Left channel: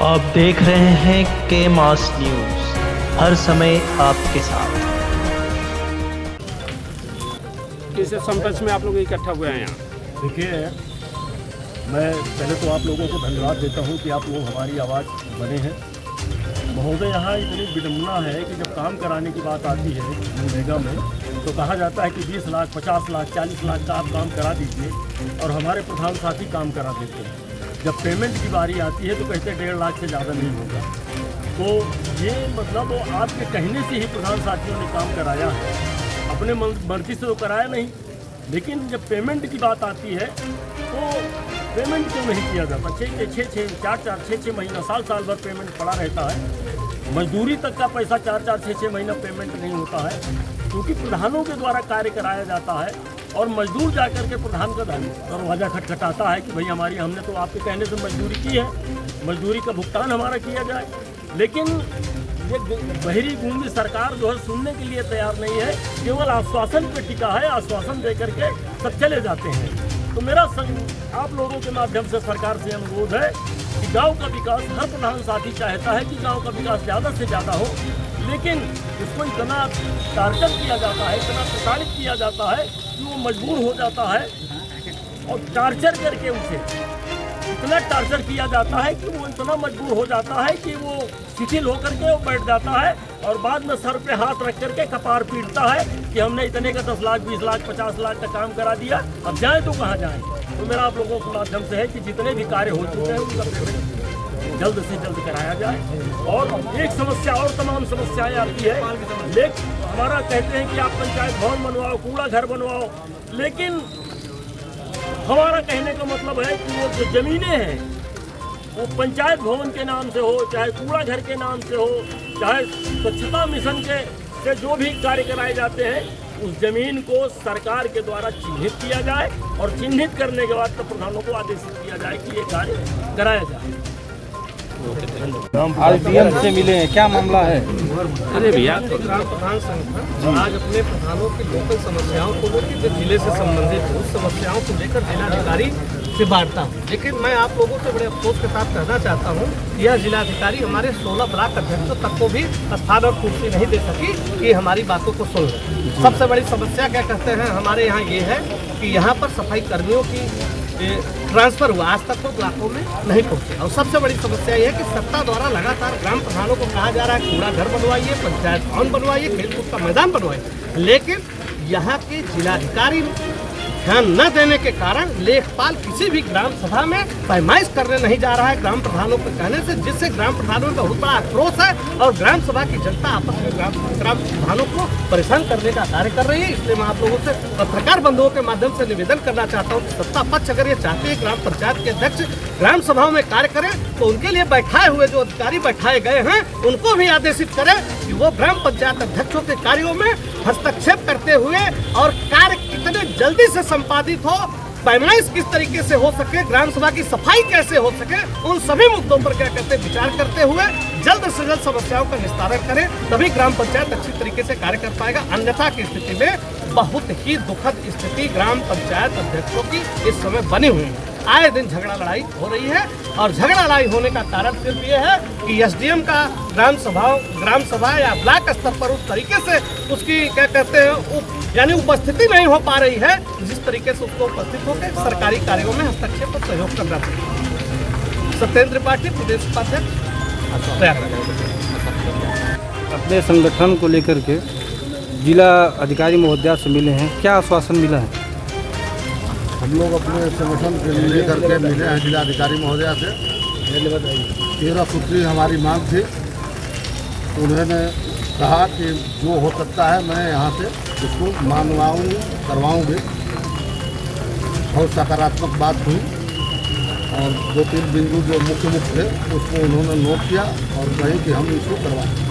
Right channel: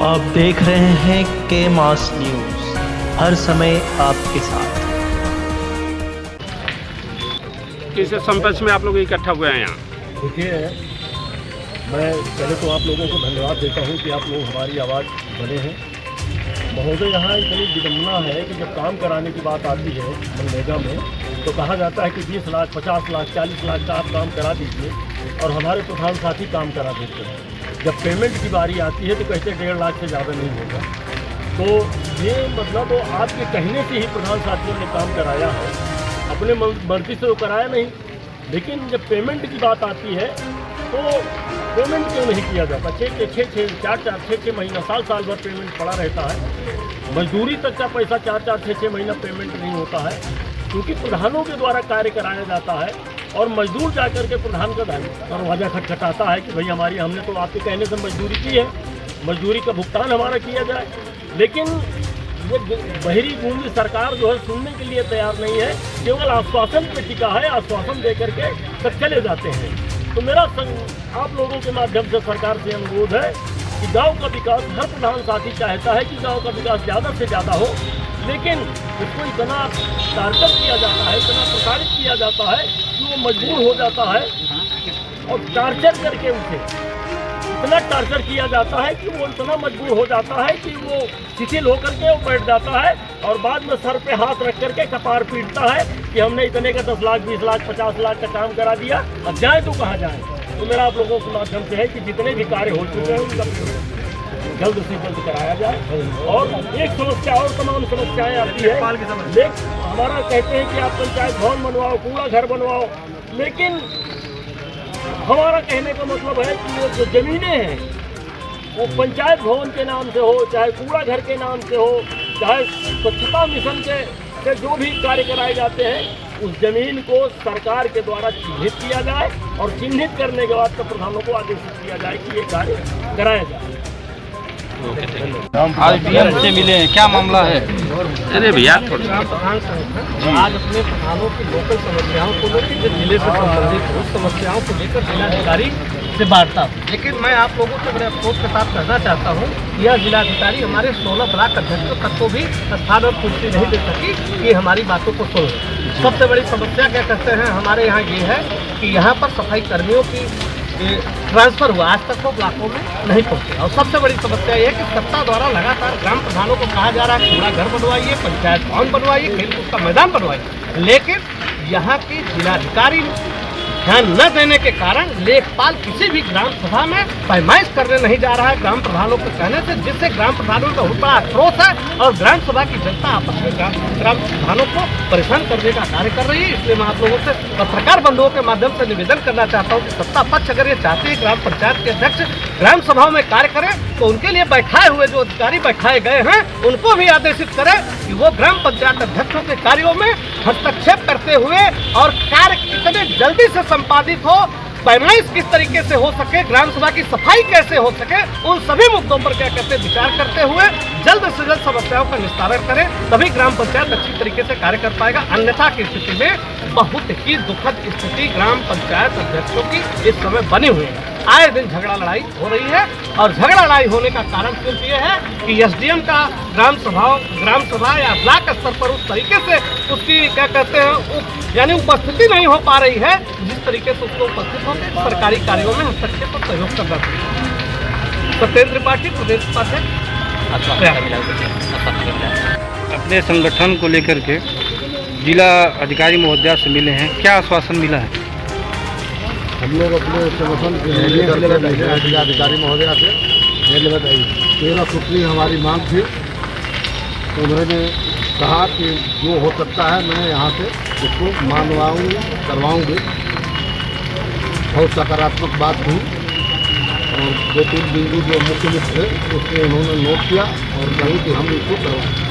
आप देख रहे हैं के मास न्यूज़, हर समय आपके साथ। किस संपर्क में आप लोग इकट्ठा हुए हैं यहाँ? देखिए, मैं पहले तो आप लोगों को धन्यवाद देता हूँ कि आप लोग हमारी आवाज़ बने हैं। महोदय, यहाँ इतनी विडम्बना है कि जब काम कराने की बात आती है मनरेगा में, तो कहा जाता है कि 20 लाख, 50 लाख, 40 लाख का आप काम करा दीजिए और हमारे प्रधान साथी काम करा देते हैं। जब पेमेंट की बारी आती है तो कहते हैं 1.5 लाख से ज़्यादा नहीं होगा। तो ये मतलब आपके कहने से ही प्रधान साथियों ने काम कराया है, अपने मर्जी से वो कराया नहीं। लेकिन जब पेमेंट की बात आती है तो पेमेंट क्यों नहीं किया जाता? 6 महीना, साल भर पेमेंट पड़ा रहता है। मजदूरी तक का पैसा 4-6 महीना पेमेंट नहीं होता है, क्योंकि प्रधानों के द्वारा कार्य कराया जाता है और मजदूर जाकर के प्रधान का दरवाजा खटखटाता है कि भाई हमने तो आपके कहने से मजदूरी की है, मजदूरी का भुगतान हमारा किया जाए। लेकिन ये बहरी गूंगी सरकार जो है सुनने के लिए तैयार नहीं है, केवल आश्वासन पे टिका है, आश्वासन दे करके सब चले जाते हैं। तो मेरा आप लोगों के माध्यम से सरकार से अनुरोध है कि गांव का विकास, हर प्रधान साथी चाहता है कि गांव का विकास ज़्यादा से ज़्यादा हो, लेकिन इसको इतना टार्चर किया जाता है, इतना प्रसारित किया जाता है कि वो मजबूर हो जाता है और टार्चर करके उसे इतना टार्चर किया जाता है कि वो इतना मजबूर हो जाता है कि वो शिथिल होकर के वो बैठ जाता है और बाद में सर पे हाथ रख करके कपार पीटता है कि हमने इतने का 10 लाख, 20 लाख, 50 लाख का काम करा दिया, अब जाए तो कहाँ जाए। तो मेरा आप लोगों के माध्यम से है कि जितने भी कार्य हो चुके हैं उनका पेमेंट जल्द से जल्द कराया जाए। और एक समस्या और तमाम समस्याएं आती है, लेकिन हमारा कहते हैं कि आप पंचायत भवन बनवाओ, कूड़ा घर बनवाओ, लेकिन हमारा कहने का मतलब है कि वो जो ज़मीनें हैं वो पंचायत भवन के नाम से हो, चाहे कूड़ा घर के नाम से हो, चाहे स्वच्छता मिशन के से जो भी कार्य कराए जाते हैं, उस ज़मीन को सरकार के द्वारा चिन्हित किया जाए और चिन्हित करने के बाद तो प्रधानों को आदेशित किया जाए कि ये कार्य कराया जाए। आज डीएम से मिले हैं, क्या मामला है? अरे भैया आज अपने प्रधानों की लोकल समस्याओं को लेकर जो जिले से संबंधित उस समस्याओं को लेकर जिलाधिकारी से वार्ता हूँ। लेकिन मैं आप लोगों से बड़े अफसोस के साथ कहना चाहता हूँ, यह जिलाधिकारी हमारे 16 ब्लॉक अध्यक्षों तक को भी स्थान और कुर्सी नहीं दे सकी कि हमारी बातों को सुन। सबसे बड़ी समस्या क्या कहते हैं हमारे यहाँ ये है कि यहाँ पर सफाई कर्मियों की ट्रांसफर हुआ, आज तक वो ब्लॉकों में नहीं पहुंचे। और सबसे बड़ी समस्या ये है कि सत्ता द्वारा लगातार ग्राम प्रधानों को कहा जा रहा है कूड़ा घर बनवाइए, पंचायत भवन बनवाइए, खेलकूद का मैदान बनवाइए, लेकिन यहाँ के जिलाधिकारी ध्यान न देने के कारण लेखपाल किसी भी ग्राम सभा में पैमाइश करने नहीं जा रहा है ग्राम प्रधानों के कहने से, जिससे ग्राम प्रधानों का बहुत बड़ा आक्रोश है और ग्राम सभा की जनता आपस में ग्राम प्रधानों को परेशान करने का कार्य कर रही है। इसलिए मैं आप लोगों से पत्रकार बंधुओं के माध्यम से निवेदन करना चाहता हूँ कि सत्ता पक्ष अगर ये चाहते हैं ग्राम पंचायत के अध्यक्ष ग्राम सभाओं में कार्य करें, तो उनके लिए बैठाए हुए जो अधिकारी बैठाए गए हैं उनको भी आदेशित करें कि वो ग्राम पंचायत अध्यक्षों के कार्यों में हस्तक्षेप करते हुए और कार्य कितने जल्दी से संपादित हो, पैमाइश किस तरीके से हो सके, ग्राम सभा की सफाई कैसे हो सके, उन सभी मुद्दों पर क्या कहते हैं विचार करते हुए जल्द से जल्द समस्याओं का निस्तारण करें, तभी ग्राम पंचायत अच्छी तरीके से कार्य कर पाएगा। अन्यथा की स्थिति में बहुत ही दुखद स्थिति ग्राम पंचायत अध्यक्षों की इस समय बनी हुई है। आए दिन झगड़ा लड़ाई हो रही है और झगड़ा लड़ाई होने का कारण सिर्फ ये है कि एसडीएम का ग्राम सभा या ब्लॉक स्तर पर उस तरीके से उसकी क्या कहते हैं यानी उपस्थिति नहीं हो पा रही है, जिस तरीके से उसको उपस्थित होकर सरकारी कार्यों में हस्तक्षेप और सहयोग करना चाहिए। सत्येंद्र त्रिपाठी, प्रदेश उपाध्यक्ष। अपने संगठन को लेकर के जिला अधिकारी महोदया से मिले हैं, क्या आश्वासन मिला है? हम लोग अपने संगठन के लिए करके मिले हैं जिलाधिकारी महोदया से। 13 सूत्री हमारी मांग थी, उन्होंने कहा कि जो हो सकता है मैं यहाँ से उसको करवाऊँगी। बहुत सकारात्मक बात हुई और 2-3 बिंदु जो मुख्य थे उसको उन्होंने नोट किया और कही कि हम इसको करवाएं।